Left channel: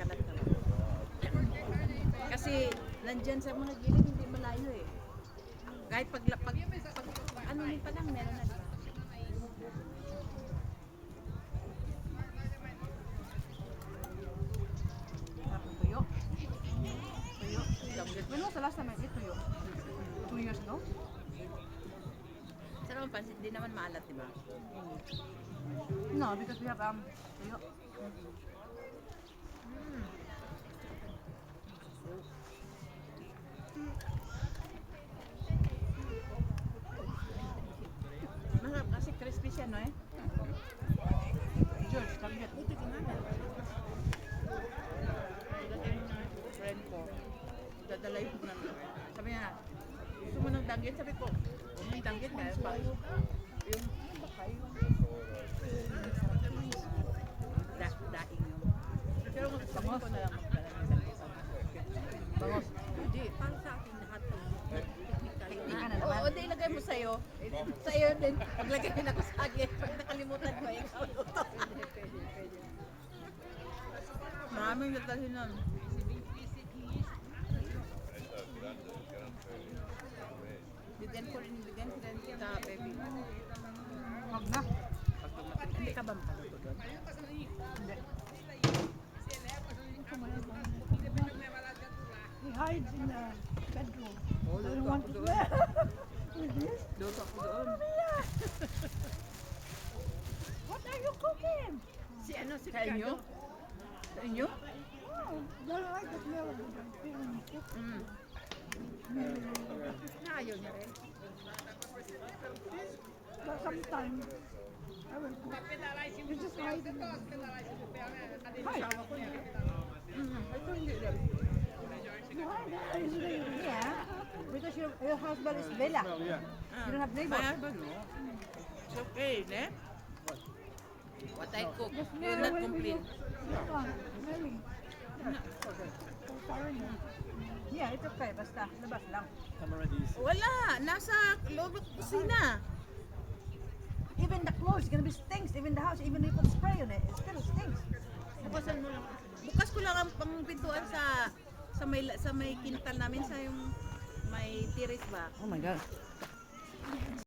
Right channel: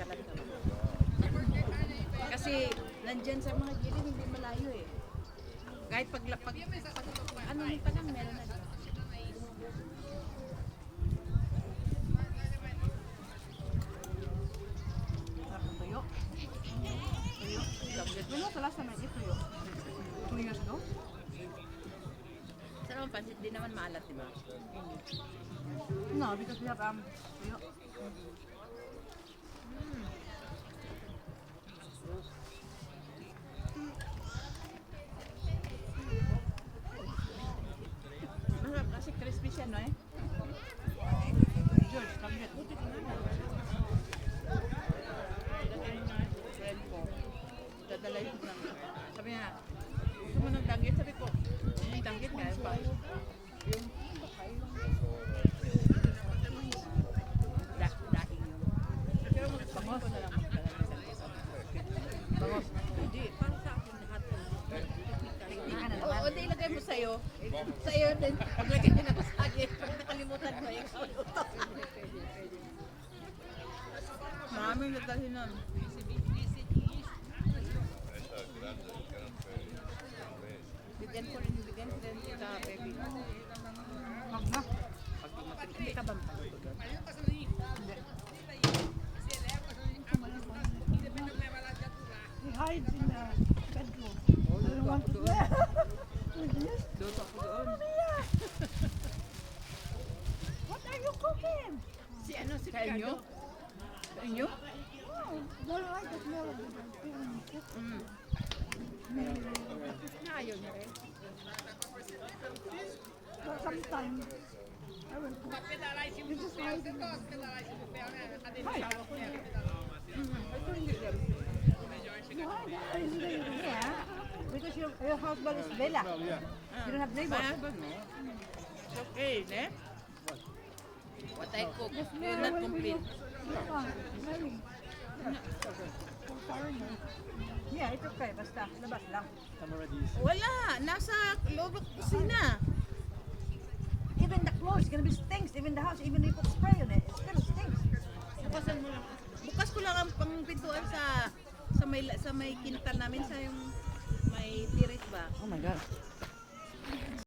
kalat ka ba? Kasi nandyan sa mga gilid, hindi malayo eh. Kahit pag ano nito lang, meron na diba? Sarap ng tuyo. Tuyo. When was the last time I ate tuyo? 2 years ago? Sa naman pansit, di naman maalat, diba? No, because we have tuyo. Masarap kasi crispy siya, no eh? George, pag-get. Buti ka namin. Dadalhin yung friend ko. Dadala yung friend ko. Sabi niya, gusto mo ng danggit? Sabi ko, yung danggit nga, yung daing yung. Pero sabi ko na lang magdala ng danggit. Bangos. Hindi, para sa akin lahat ng technique tayo. Oo, hindi ilagay mo sa'yo. Sa'yo din. Paglagay din ako sa akin. Pag nakalimutan mo, ikaw luto. Pwede. Maraming dadalhin nun. Bigyan ko rin sa baby. Huwag na. Pag dumating, hindi ka ba makaluto doon? Hindi. He hides in the bedroom. Oh, luto ako doon. With this? Luto ako doon. What are you cooking? Si Ricardo. Sa inyo? Oh, don't like the smell of the pig when you cook. Na ayaw niya rin. But sometimes I will cook. It's just hiding. Ay, asawa ko niya. Ito hindi rin. Why? That is the yeah. Because your husband is Bella. You don't have neighbors. My husband, no? It's okay, ne? What I cook, The will smell not when we complain. look. Smelling. For foreigner. Yeah, it's okay. Basta, labas lang. Camarades. Wala! Nasa loob ng kusina. Even the clothes, gonna be stinks. Even the house, even if you put spray on it, it still stinks. Bukasan mo lang. Bukas ko lang ang pangpintuan sa may kintal namin, sa yung may tiris ba. Oh my god.